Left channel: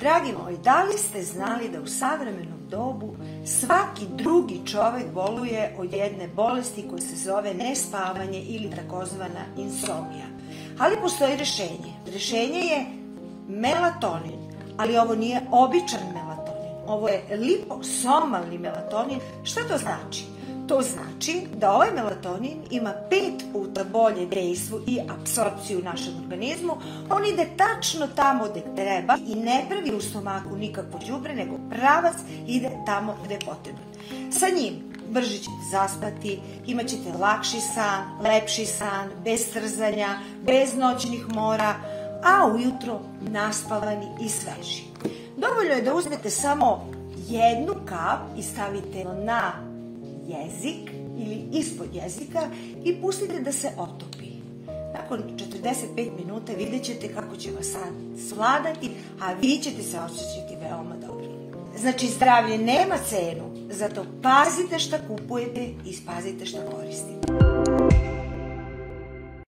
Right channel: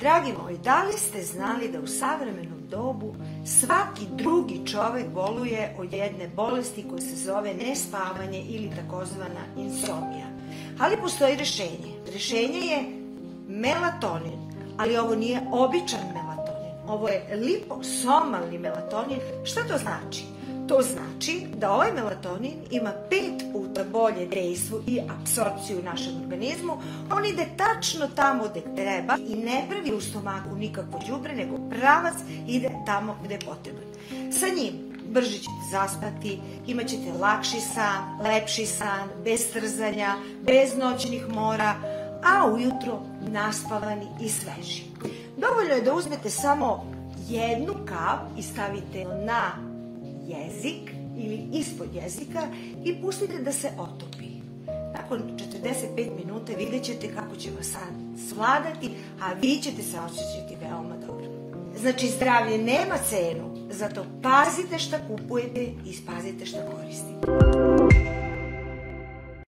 Dragi moji, da li ste znali da u savremenom dobu svaki drugi čovek boluje od jedne bolesti koja se zove nespavanje ili takozvana insomnija? Ali postoji rešenje. Rešenje je melatonin, ali ovo nije običan melatonin. Ovo je liposomalni melatonin. Šta to znači? To znači da ovaj melatonin ima 5 puta bolje dejstvo i apsorpciju u našem organizmu. On ide tačno tamo gde treba i ne pravi u stomaku nikakvo đubre, nego pravac ide tamo gde je potrebno. Sa njim brže ćete zaspati, imat ćete lakši san, lepši san, bez trzanja, bez noćnih mora, a ujutro naspavani i sveži. Dovoljno je da uzmete samo jednu kap i stavite na jezik ili ispod jezika i pustite da se otopi. Nakon 45 minuta vidjet ćete kako će vas san svladati, a vi ćete se osjećati veoma dobro. Znači, zdravlje nema cenu, zato pazite šta kupujete i pazite šta koristite.